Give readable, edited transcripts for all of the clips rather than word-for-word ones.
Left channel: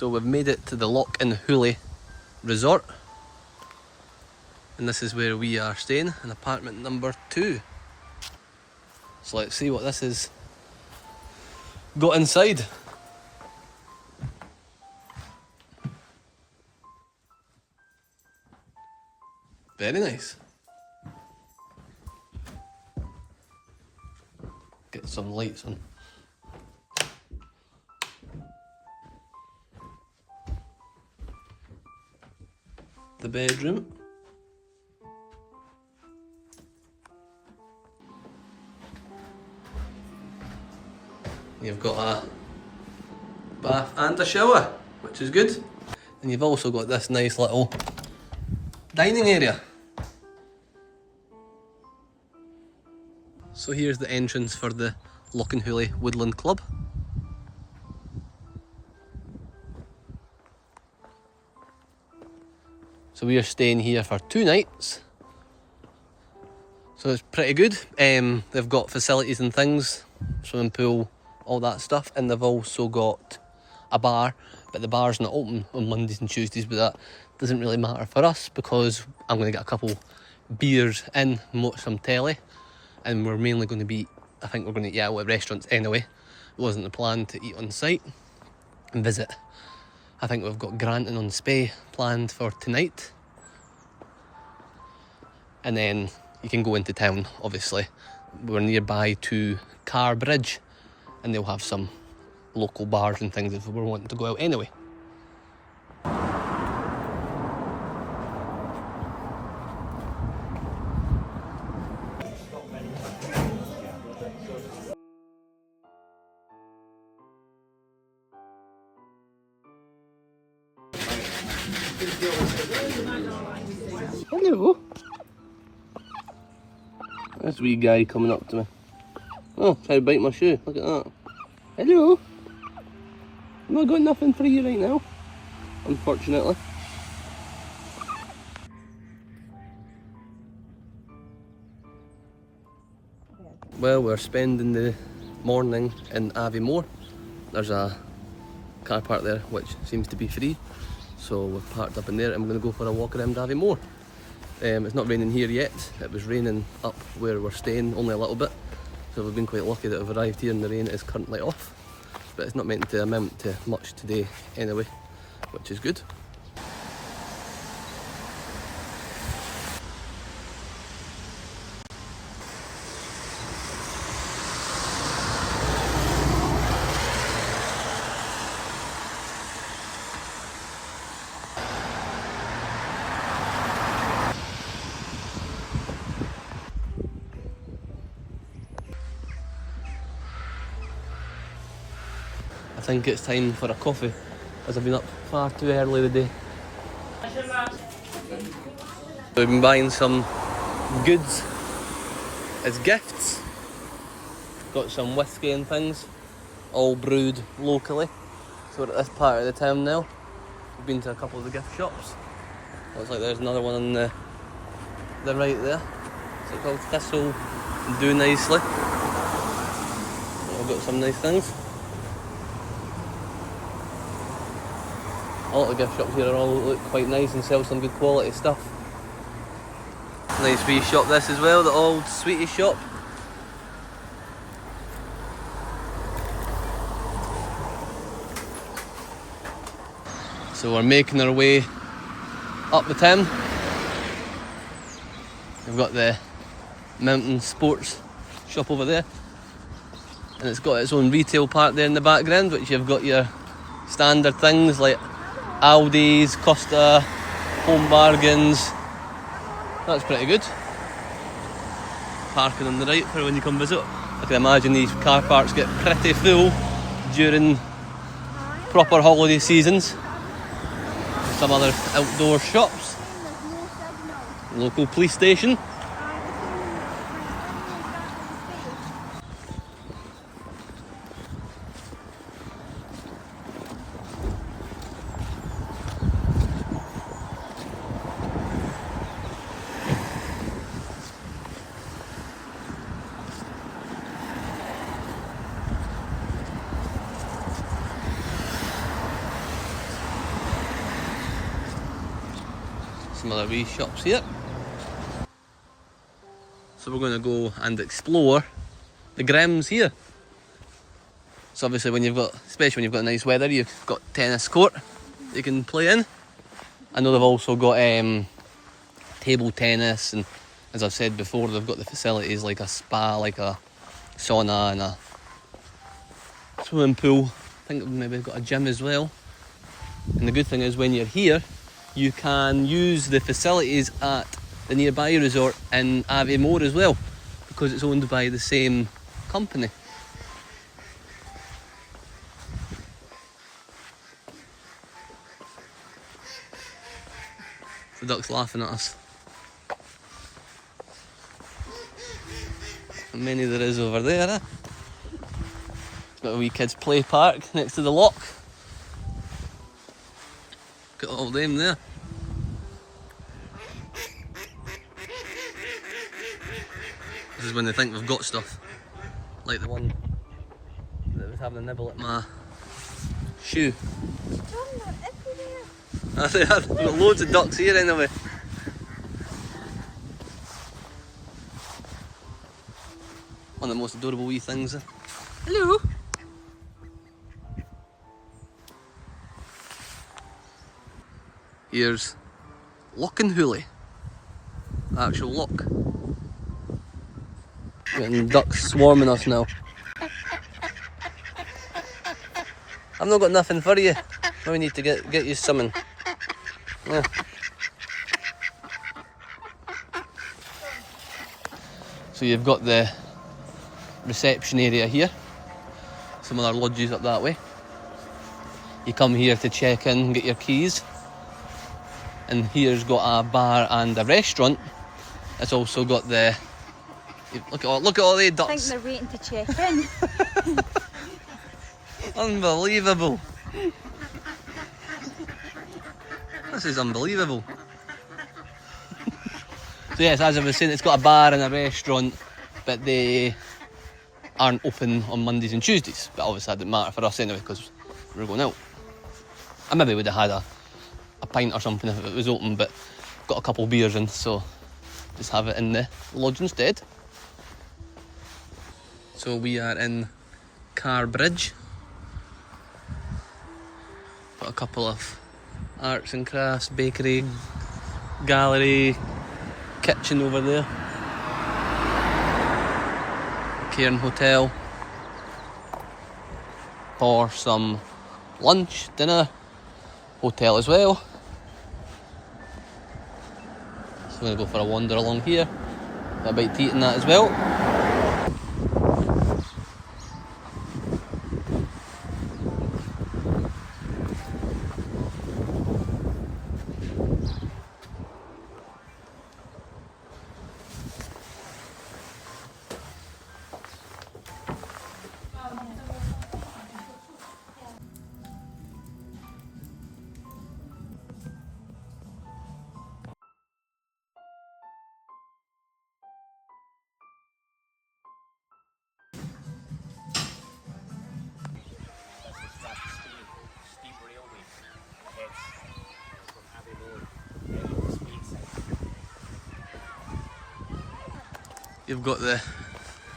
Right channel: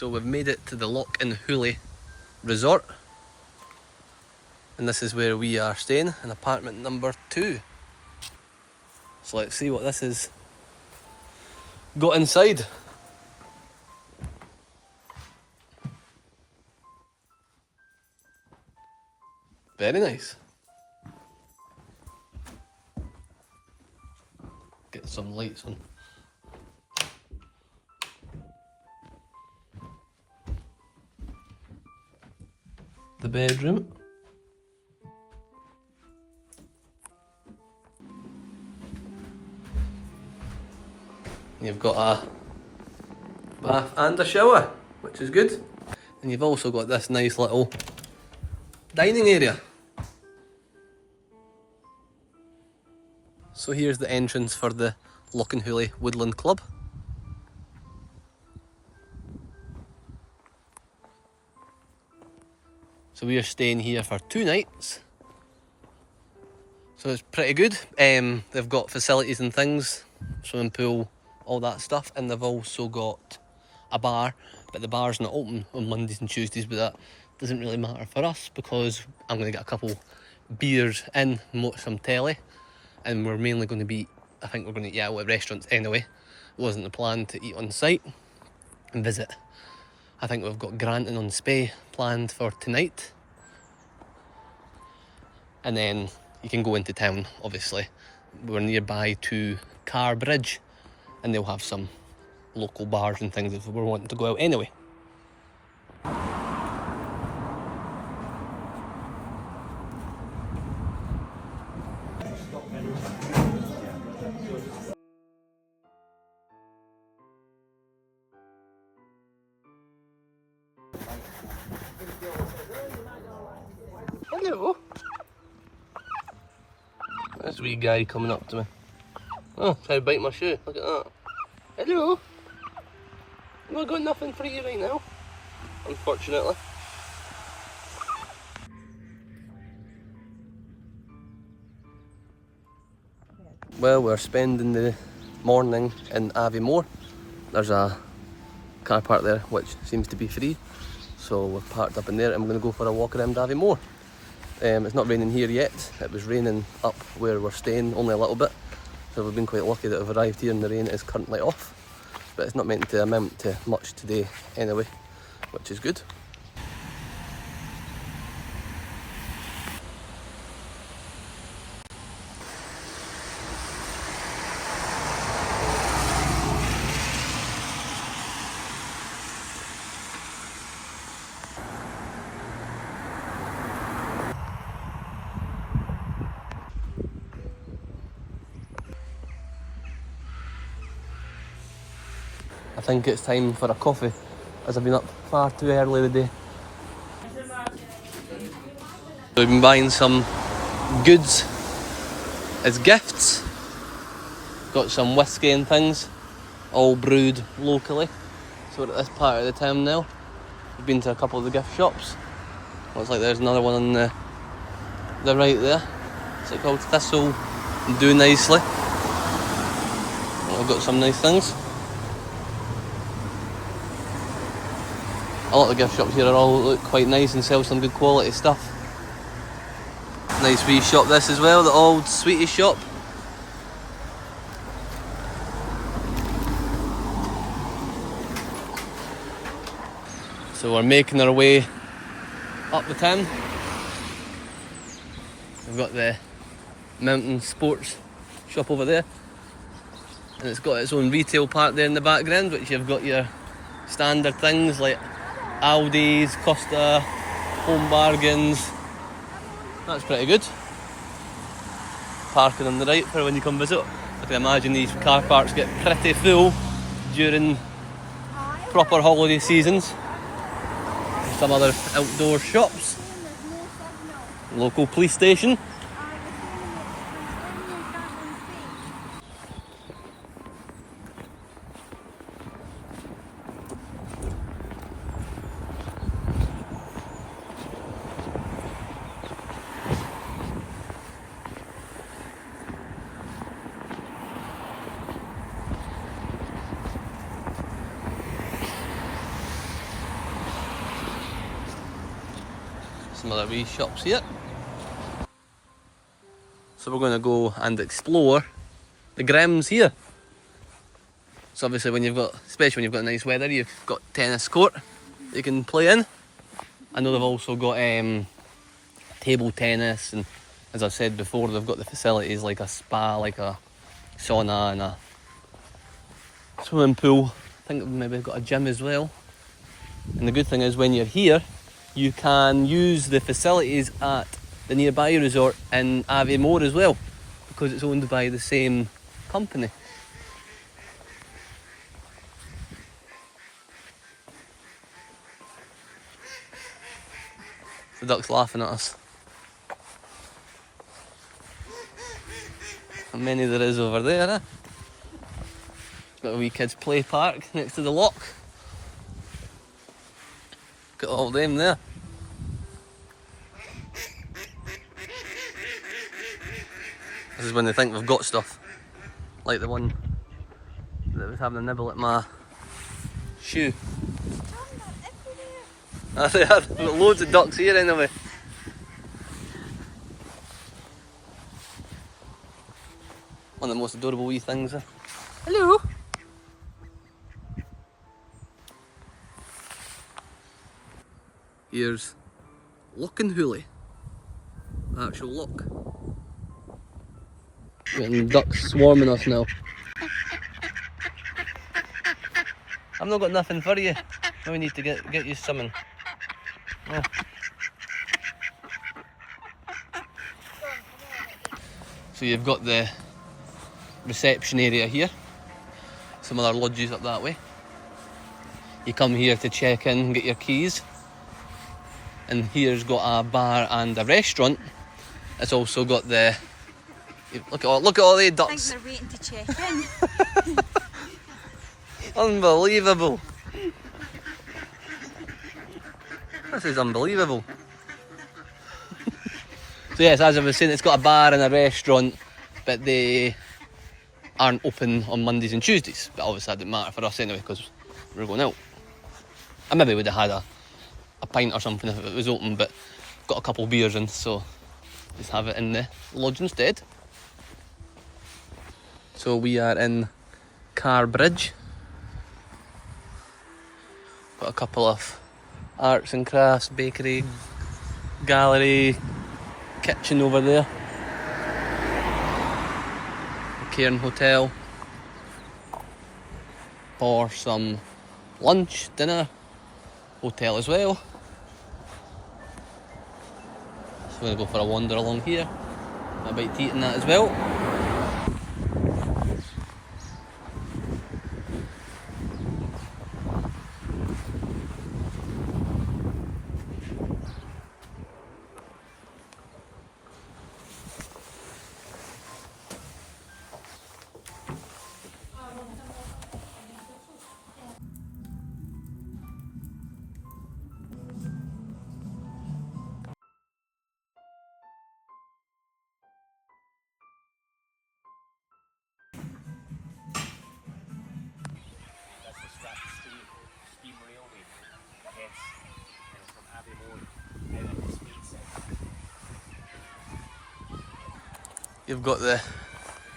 So we've made it to the Lochanhully resort, and this is where we are staying, in apartment number 2. So let's see what this is got inside. Very nice. Get some lights on. The bedroom. You've got a bath and a shower, which is good. And you've also got this nice little dining area. So here's the entrance for the Lochanhully Woodland Club. So we are staying here for 2 nights. So it's pretty good. They've got facilities and things, swimming pool, all that stuff, and they've also got a bar, but the bar's not open on Mondays and Tuesdays, but that doesn't really matter for us because I'm going to get a couple beers in, watch some telly, and we're mainly going to be, I think we're going to eat out at restaurants anyway. It wasn't the plan to eat on site and visit. I think we've got Granton on Spey planned for tonight. And then you can go into town, obviously. We're nearby to Car Bridge, and they'll have some local bars and things if we're wanting to go out anyway. Hello. This wee guy coming up to me. Oh, trying to bite my shoe. Look at that. Hello. I've not got nothing for you right now, unfortunately. Well, we're spending the morning in Aviemore. There's a car park there which seems to be free, so we're parked up in there and we're going to go for a walk around Aviemore. It's not raining here yet. It was raining up where we're staying only a little bit, so we've been quite lucky that we've arrived here and the rain is currently off, but it's not meant to amount to much today anyway, which is good. I think it's time for a coffee, as I've been up far too early today. We've been buying some goods as gifts. Got some whiskey and things, all brewed locally. So we're at this part of the town now. We've been to a couple of the gift shops. Looks like there's another one on the right there. What's it called? Thistle Do Nicely. I've got some nice things. A lot of the gift shops here are all look quite nice and sell some good quality stuff. Nice wee shop this as well, the old sweetie shop. So we're making our way up the town. We've got the mountain sports shop over there, and it's got its own retail part there in the background, which you've got your standard things like Aldi's, Costa, Home Bargains. That's pretty good. Parking on the right for when you come visit. I can imagine these car parks get pretty full during proper holiday seasons. Some other outdoor shops. Local police station. Some other wee shops here. So we're going to go and explore the grounds here. So obviously when you've got, especially when you've got nice weather, you've got tennis court that you can play in. I know they've also got table tennis, and as I've said before, they've got the facilities like a spa, like a sauna and a swimming pool. I think they've maybe got a gym as well. And the good thing is when you're here, you can use the facilities at the nearby resort in Aviemore as well, because it's owned by the same company. The duck's laughing at us. How many there is over there, eh? Got a wee kids play park next to the loch. Got all them there. This is when they think they've got stuff. Like the one that was having a nibble at my shoe. I think I've got loads of ducks here anyway. One of the most adorable wee things. Hello! Here's Lochanhully, the actual loch. Getting ducks swarming us now. I've not got nothing for you. We need to get you something. Yeah. So you've got the reception area here. Some other lodges up that way. You come here to check in, get your keys. And here's got a bar and a restaurant. It's also got the... Look at all the ducks. I think they're waiting to check in. Unbelievable. This is unbelievable. So yes, as I was saying, it's got a bar and a restaurant, but they aren't open on Mondays and Tuesdays. But obviously that didn't matter for us anyway, because we were going out. I maybe would have had a pint or something if it was open, but got a couple of beers in, so just have it in the lodge instead. So we are in Car Bridge. Got a couple of arts and crafts, bakery, gallery, kitchen over there. A Cairn Hotel for some lunch, dinner, hotel as well. So we're going to go for a wander along here. Got a bite to eat in that as well. You've got the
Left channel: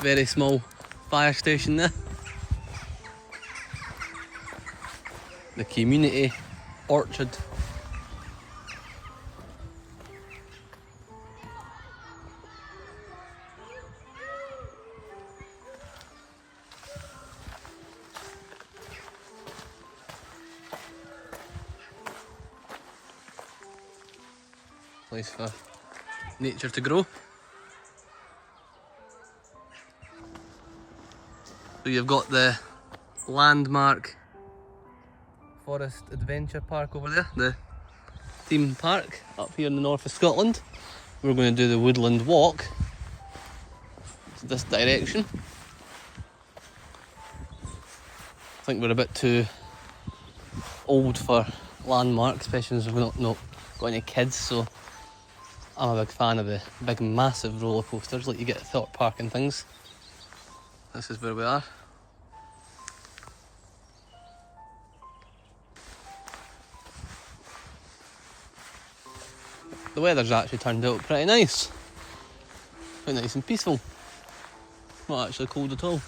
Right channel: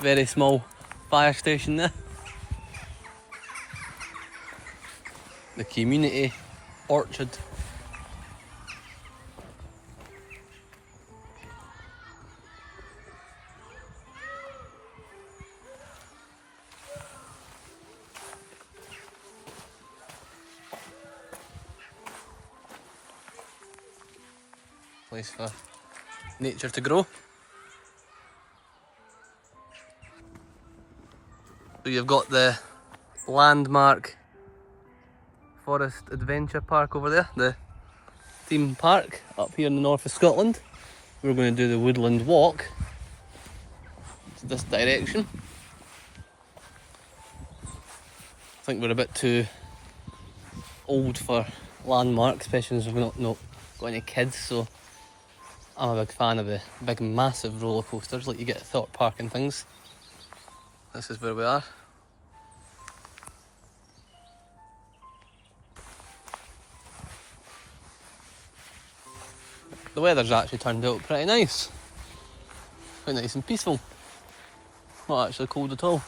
very small fire station there. The community orchard. Place for nature to grow. So you've got the landmark Forest Adventure Park over there, the theme park up here in the north of Scotland. We're going to do the woodland walk this direction. I think we're a bit too old for landmarks, especially as we've not got any kids, so I'm a big fan of the big massive roller coasters like you get at Thorpe Park and things. This is where we are. The weather's actually turned out pretty nice. Quite nice and peaceful. Not actually cold at all.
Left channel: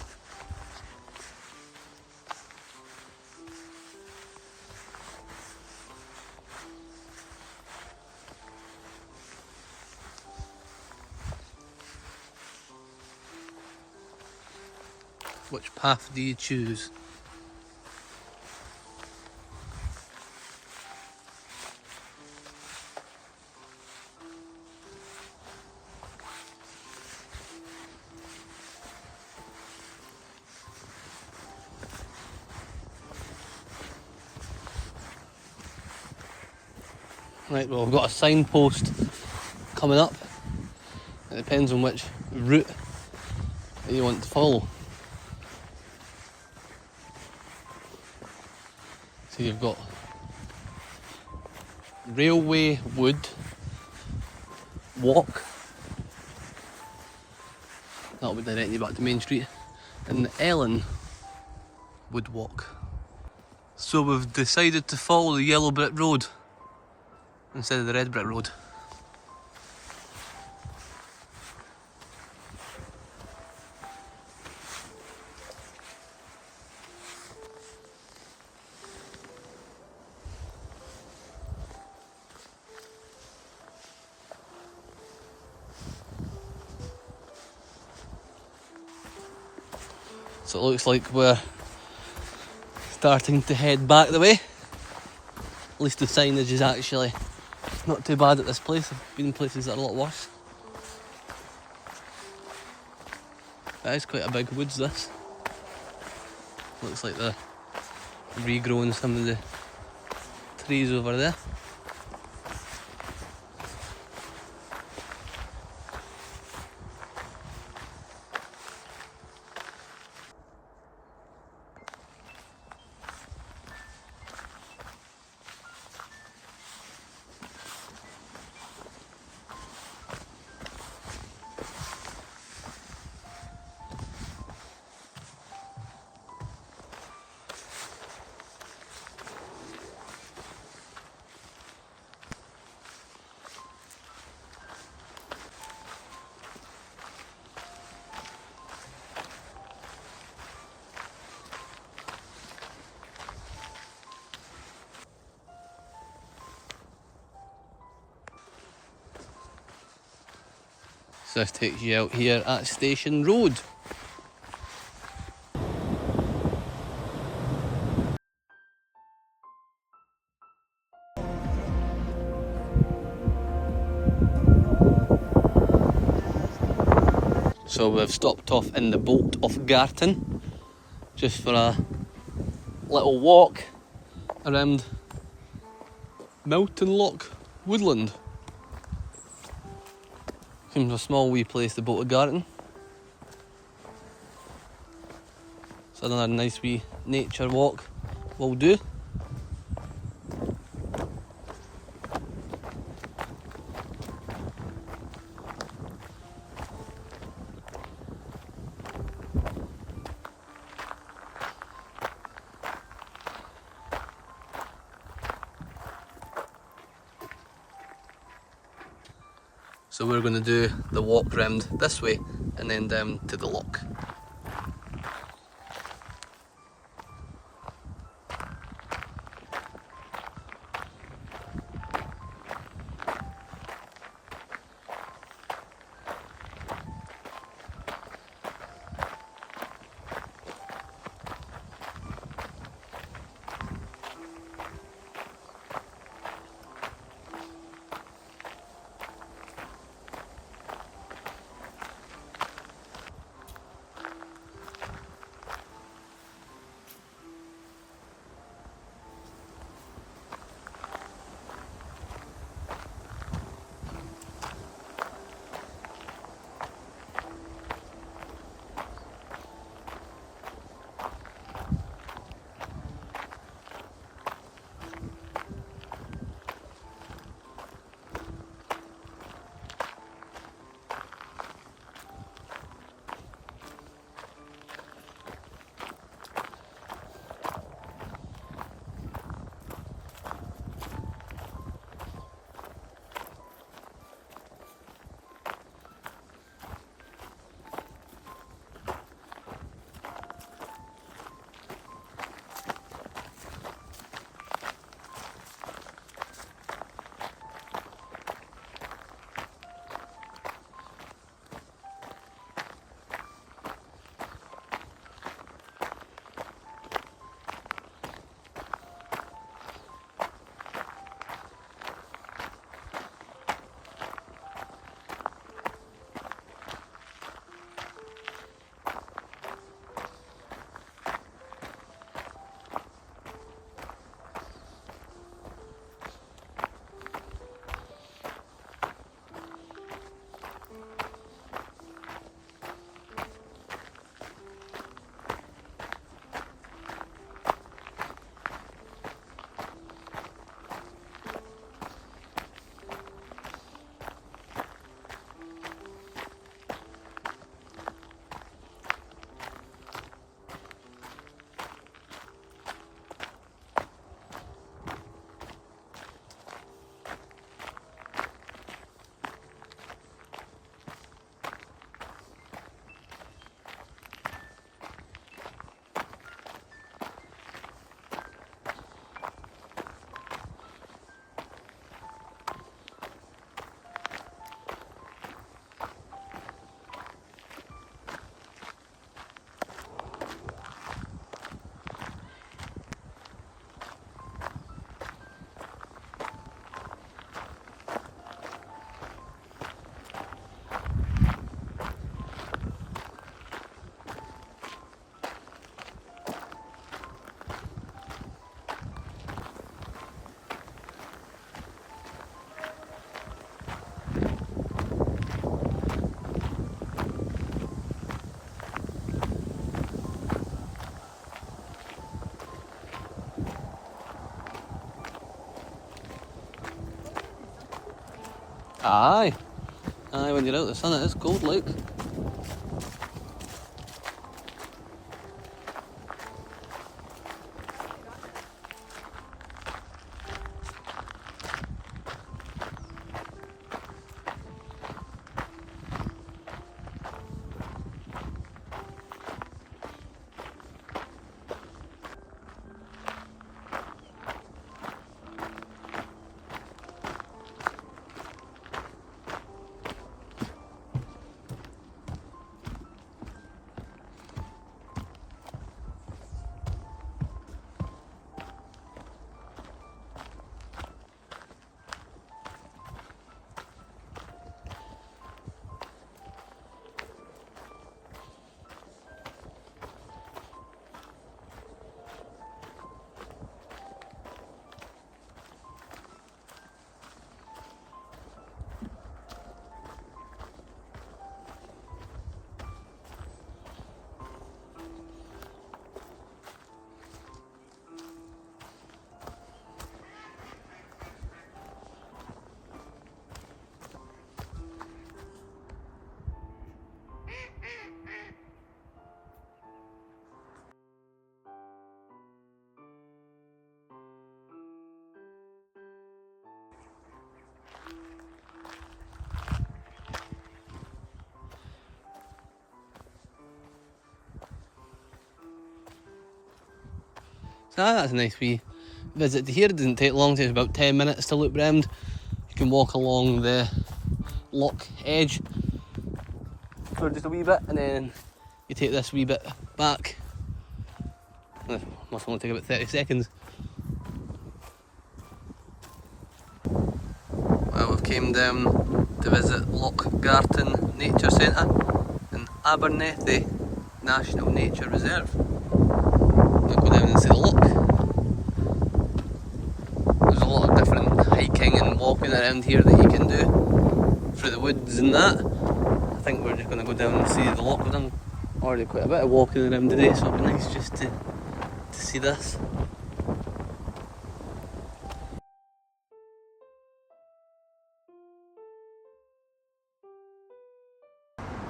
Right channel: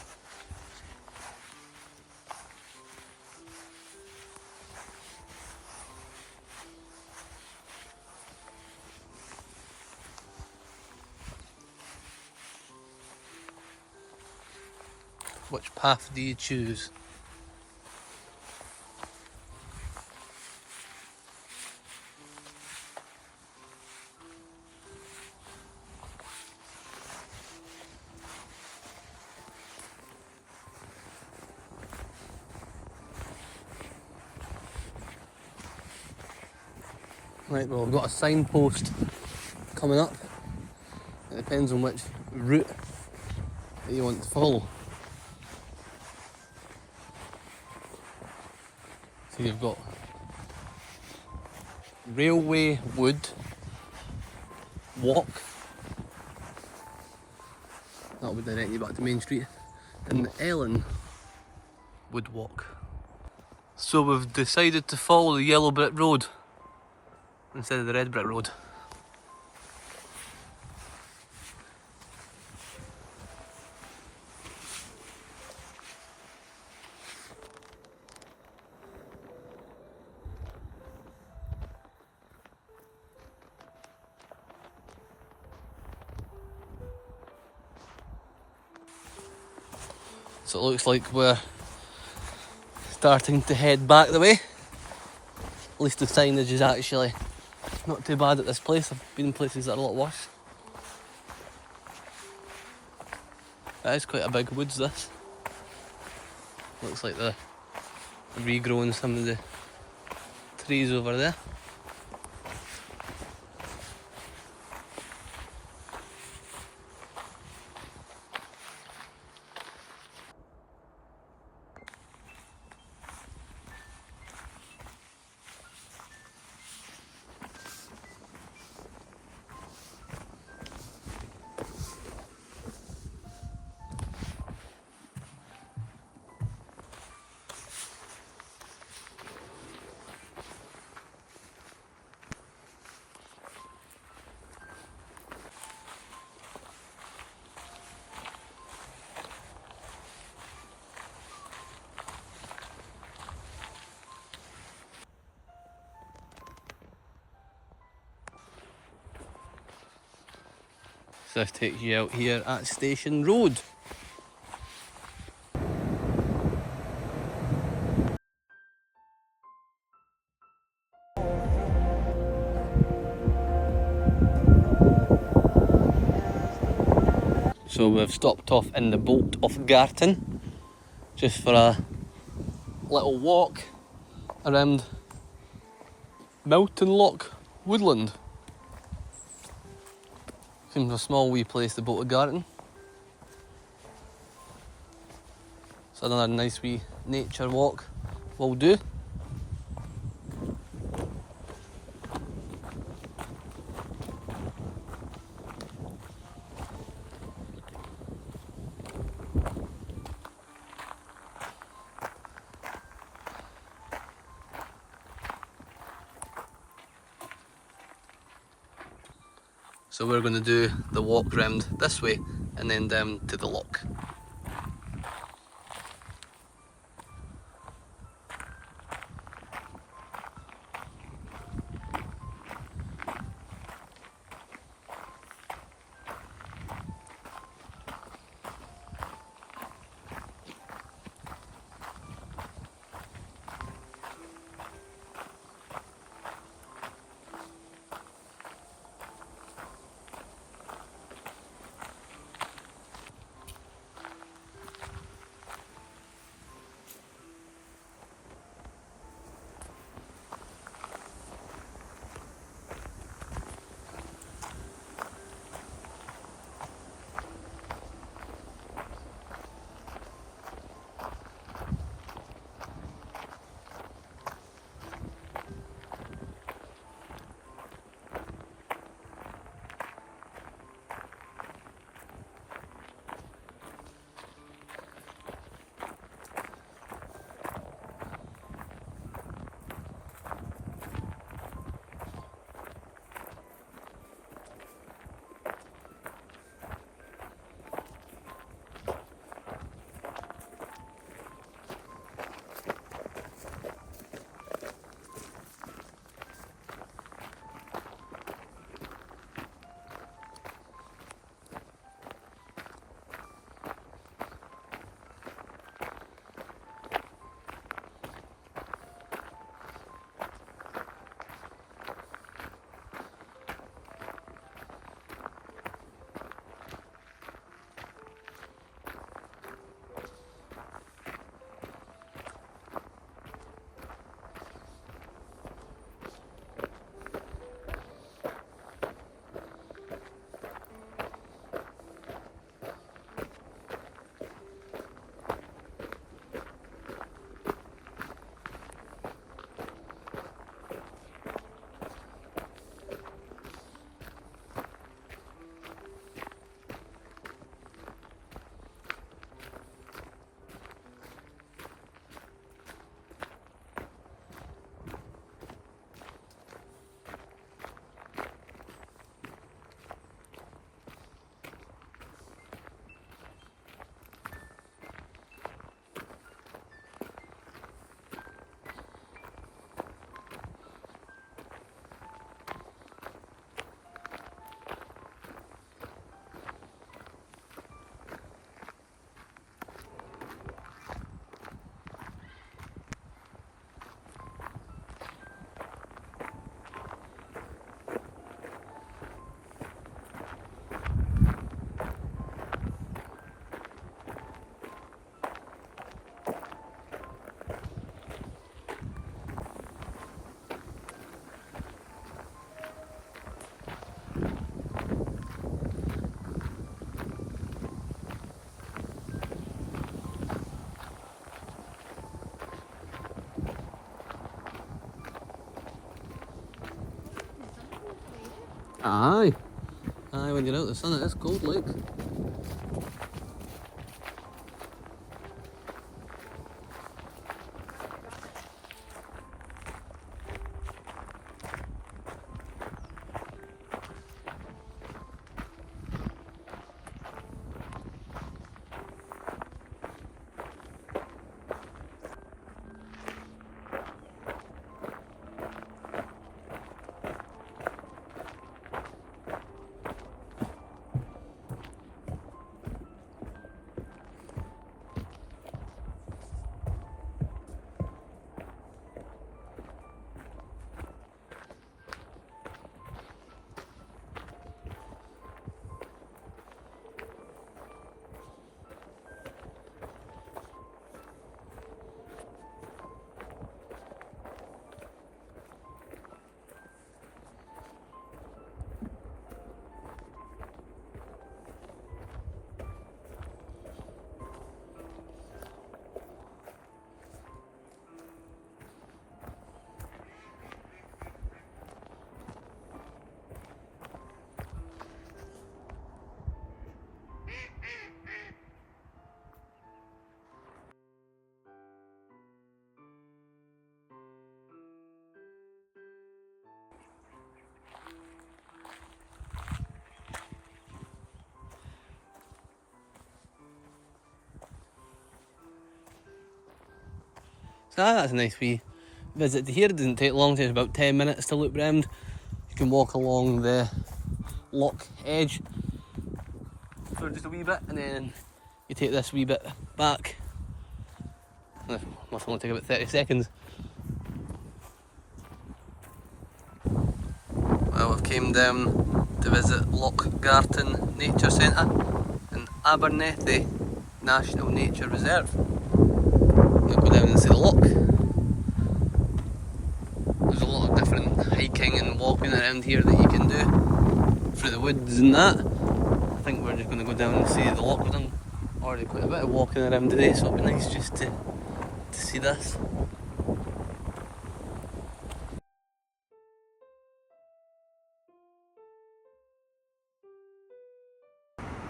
Which path do you choose? Right, well, we've got a signpost coming up. It depends on which route that you want to follow. So you've got Railway Wood Walk. That'll be directing you back to Main Street. And the Ellen Wood Walk. So we've decided to follow the yellow brick road instead of the red brick road. So it looks like we're starting to head back the way. At least the signage is actually not too bad at this place. I've been in places that are a lot worse. That is quite a big woods, this. Looks like they're regrowing some of the trees over there. So this takes you out here at Station Road. So we've stopped off in the Bolt of Garton just for a little walk around Mountain Loch Woodland. Seems a small wee place, the Bolt of Garton. So another nice wee nature walk will do. So we're going to do the walk round this way and then down to the loch. Aye. Aye, when you're out in the sun it is cold, like. So that's a nice wee visit to here. It doesn't take long, it takes about 10 minutes to loop round. You can walk along the loch edge for just a wee bit and then you take this wee bit back. Must only take about 30 seconds. Well, we've came down to visit Lochgarten Nature Centre in Abernethy National Nature Reserve. We'll go down and see the loch. There's a lot of different hiking and walking around here that you can do through the woods and that. I think we're just going to go down and see the loch. We've done already quite a bit of walking around today, so it'll be nice just to see this.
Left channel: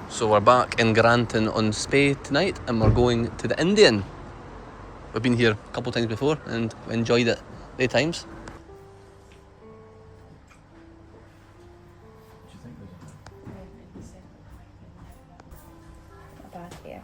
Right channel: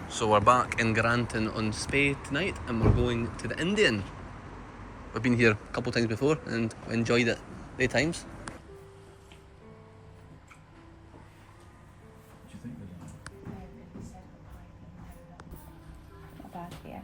So we're back in Granton-on-Spey tonight and we're going to the Indian. We've been here a couple of times before and we enjoyed it many times. Not bad, yeah.